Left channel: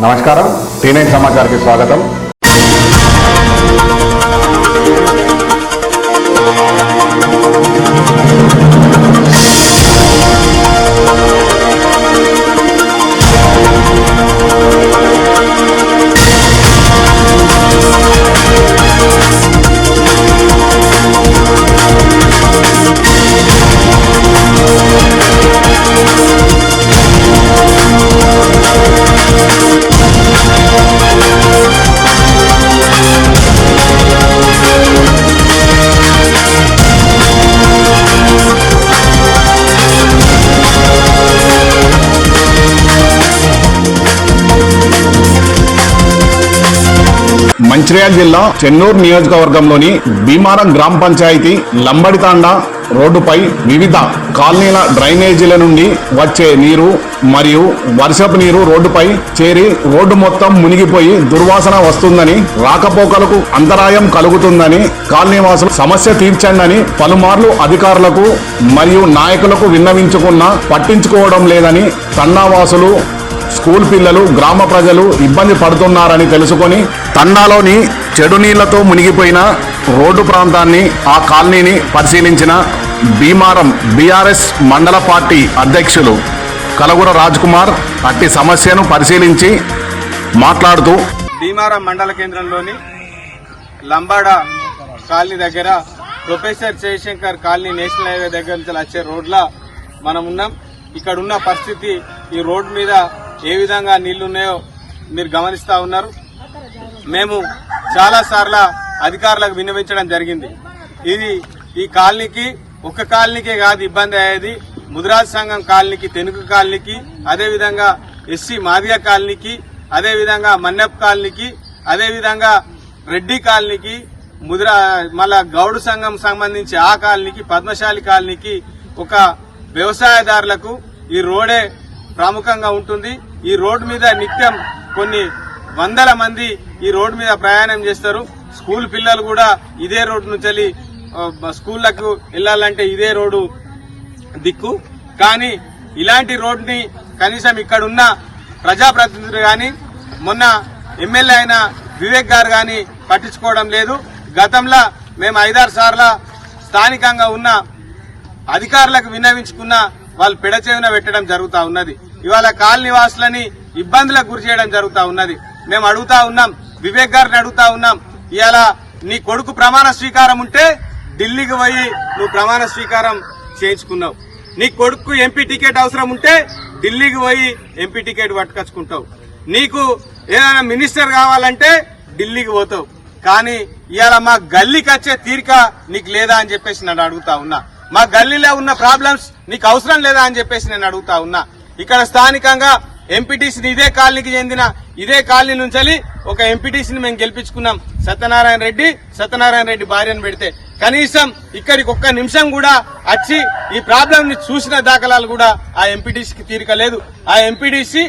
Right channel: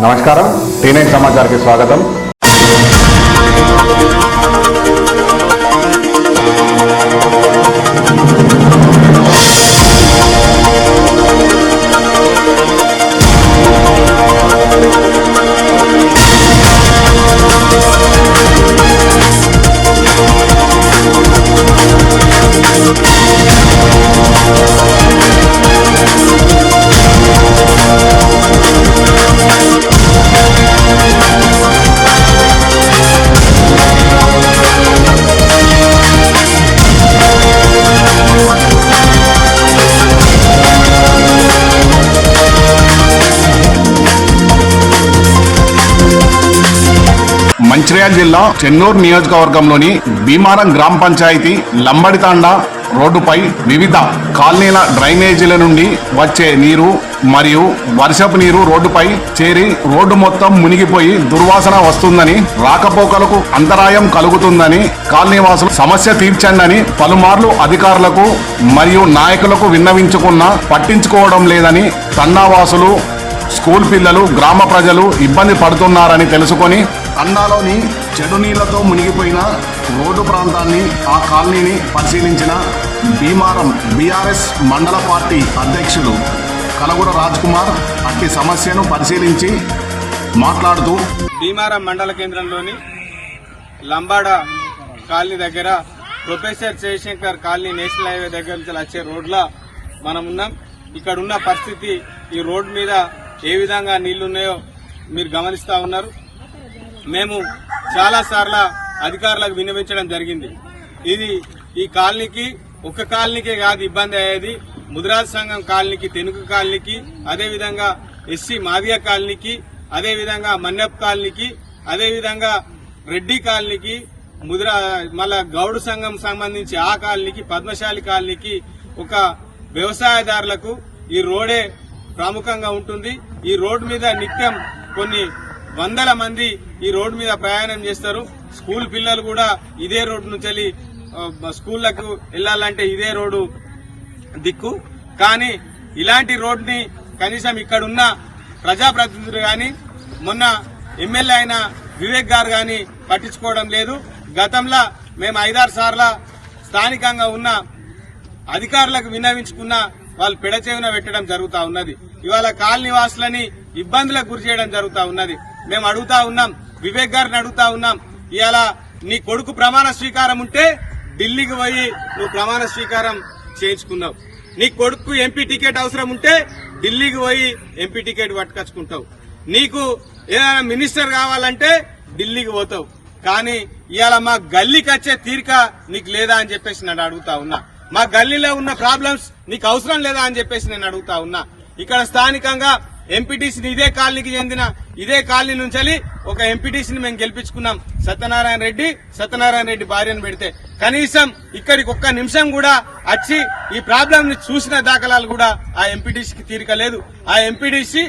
నమస్కారం, T9 సమాచార్కి స్వాగతం. మంచిర్యాల జిల్లా చెన్నూరు నియోజకవర్గంలోని భీమారం గ్రామ పంచాయతీ లంబడితాండ రోడ్డుపై వివిధ కాలనీల డ్రైనేజీల నుండి వచ్చే నీరు మరియు వర్షపు నీరు రోడ్డుపై చేరి రోడ్డు మొత్తం మునిగిపోయి దుర్వాసన వస్తుందని, రాకపోకలకు అంతరాయం కలుగుతుందని కాలనీవాసులు సమస్య తీర్చండి పలుమార్లు అధికారులకు మరియు నాయకులకు విన్నవించుకున్నా పట్టించుకోవడం లేదని తండావాసులు, స్కూల్ పిల్లలు, గ్రామ ప్రజలు ఇబ్బంది పడుతున్నారని తెలుసుకొని తండాలోని చెడు నీళ్లతో మునిగిపోయిన రోడ్డు ప్రాంతాన్ని, ఆ కాలనీని పరిశీలించిన భీమారం బీఆర్ఎస్ మండల పార్టీ అధ్యక్షులు కలగుర రాజ్ కుమార్ అట్టి సమస్యను పరిశీలించి మాట్లాడుతూ, భీమారం మండల కేంద్రంలోని లంబాడ కాలనీ దగ్గర professor Jayashankar colony national highway దగ్గర నుంచి వచ్చే రోడ్ల మనం ఉన్నాం. ఇక్కడ ఉన్న పరిస్థితి, ఈ రోడ్డు మీద ఏ విధంగా నీళ్లున్నాయో మీరు గమనిస్తా ఉన్నారు. మేము చాలా సార్లు అధికారులకు విన్నవించడం జరిగింది. ఈ కాలనీకి ఒక కాలనీకే కాదు ఇబ్బంది అయ్యేది, ముదిరాజ్ సంఘం కాలనీకి, తెనుగు కాలనీకి, అదేవిధంగా ఎస్సీ మాదిగ కాలనీకి, అదేవిధంగా మన్నెప్ కాలనీకి, అదేవిధంగా రెడ్డి కాలనీకి, మళ్ళా గౌడు సంఘం సంబంధించి ఆ కాలనీకి, పద్మశాలి కాలనీకి, ఒక వ్యవసాయదారులకు ఈ రోడే ప్రముఖంగా ఉంటుంది. ఈ రోడ్డు మీద నిత్యం కొన్ని వందల మంది ఈ రోడ్డు మీద ప్రయాణం చేస్తారు. స్కూల్ పిల్లలు కూడా ఇదే రోడ్డు నుంచి స్కూళ్లకు వెళ్లాలంటే ఇదే రోడ్డు దిక్కు. కానీ ఇలాంటి రోడ్డుని కనీసం ఇక్కడున్న ప్రజాప్రతినిధులు గాని, మొన్న ఎమ్మెల్యే అయిన వివేక్ గారు గాని పట్టించుకోవడం లేదు. గతంలో మేము 5-6 సార్లు స్థానికంగా ఉన్న అధికారులకు విన్నవించుకున్న వాళ్ళు పెడచెవిన పెట్టడం జరుగుతా ఉన్నది. ఇవాళ కాలనీ వాసులని ఇబ్బందులకు గురి చేయడం జరుగుతా ఉన్నది. మేము అడుగుతా ఉన్నాం, వివేక్ గారిని అడుగుతా ఉన్నాం, ఇవాళ నీ కొడుకు ప్రమాణ స్వీకారం ఉంటే ఢిల్లీకి పోయి నువ్వు ప్రమాణ స్వీకారం చేయించుకున్నావు. నీ కొడుకు ఎంపీ టికెట్ అవసరం ఉంటే ఢిల్లీకి పోయి ఎంపీ టికెట్ పట్టుకొచ్చుకుంటావు. నీకు ఏదైనా మినిస్టర్ కావాలంటే ఢిల్లీకి పోతావు. కానీ ఇవాళ మా గల్లీకి వచ్చే తీరిక నీకు లేదా అని చెప్పేసి నన్ను అడుగుతా ఉన్నా. మా గల్లీలో ఉన్న ప్రాబ్లమ్స్ నీకు అవసరం లేదా అని చెప్పేసి నేను అడుగుతా ఉన్నా. ఇక్కడ స్థానికంగా ఎంపీటీసీని ఇదే కాలనీకి చెందిన ఇదే కాలనీ నుంచి ఒక ఎంపీటీసీని మేము గెలిపించుకున్నాం, సత్యనారాయణ రెడ్డి భార్యను పెడితే కనీసం ఇక్కడికి ఒక్క నిమిషం కూడా వచ్చి ఈ ప్రాబ్లం ని చూసిన దాఖలాలు కూడా ఆ ఎంపీటీసీకి తీరిక లేదు. ఆ ఎంపీటీసీ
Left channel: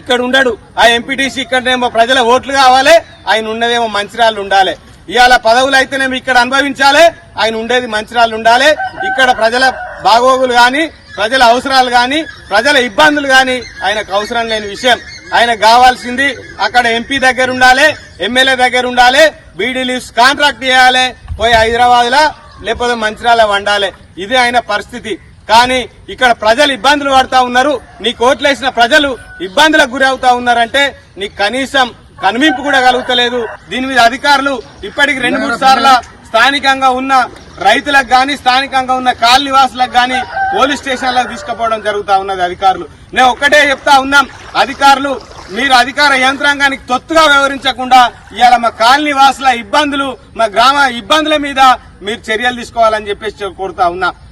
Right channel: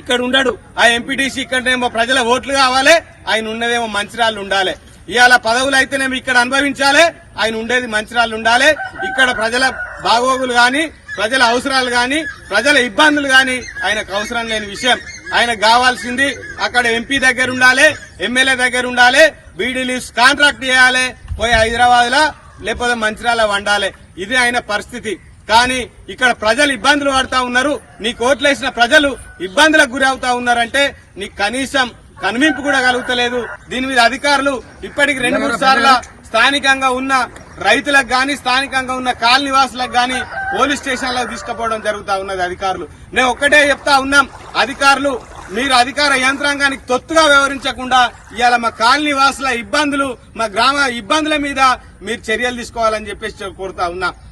ఇక్కడ ఉండడు. ఆ ఎంపీటీసీ ఇక్కడనేమో ప్రజల ఓట్లు కావాలి, ఆయన ఉన్నదేమో మంచిర్యాలలో ఉండాలి. ఇవాళ పదవులు అయితేనేమో ఇక్కడ అనుభవించాలి, ఆయన ఉండేది మంచిర్యాలలో ఉండాలి. ఇక్కడ ప్రజల బాగోగులు గాని, ప్రజల అవసరాలు గాని, ప్రజల ఇబ్బందులు గాని ఆయనకు అవసరం లేని విషయం. ఆయనకు కావాల్సింది అక్కడ ఎంపీ దగ్గర ఉండాలి, ఎమ్మెల్యే దగ్గర ఉండాలి, బీడీ లీవ్స్ కాంట్రాక్ట్ చేయాలి, పోయి హైదరాబాద్ లా లేకపోతే మంచిర్యాల వండాలి. ఇది ఆయన పరిస్థితి. కానీ ఇక్కడ ప్రజలు ఇబ్బందులు పడతా ఉన్నారు. నీకు ఓట్లేసిన ప్రజలు ఇబ్బందులకు గురి అవుతా ఉన్నారంటే నీకు కనీసం కనుమింపు కూడా కలుగుతలేదు. దీని మీద అధికారులు ఇప్పటికి 2-3 సార్లు స్థానికంగా ఉన్న రైతులకు గాని, స్థానికంగా ఉన్న కాలనీ వాసులకు గాని పోలీస్ స్టేషన్లకు తీసుకుపోవడం జరుగుతా ఉన్నది అధికారులు. నేను ఒక్కటే చెప్తా ఉన్నాం, అధికారులు మీరు అధికార యంత్రాంగానికి తొత్తుగా వ్యవహరించకుండా ఇవాళ మా కాలనీ వాసుల ఇబ్బందులు, మా గ్రామ ఇబ్బందుల మీద మీరు చర్యలు తీసుకోవాలని చెప్పేసి కోరుతా ఉన్నా.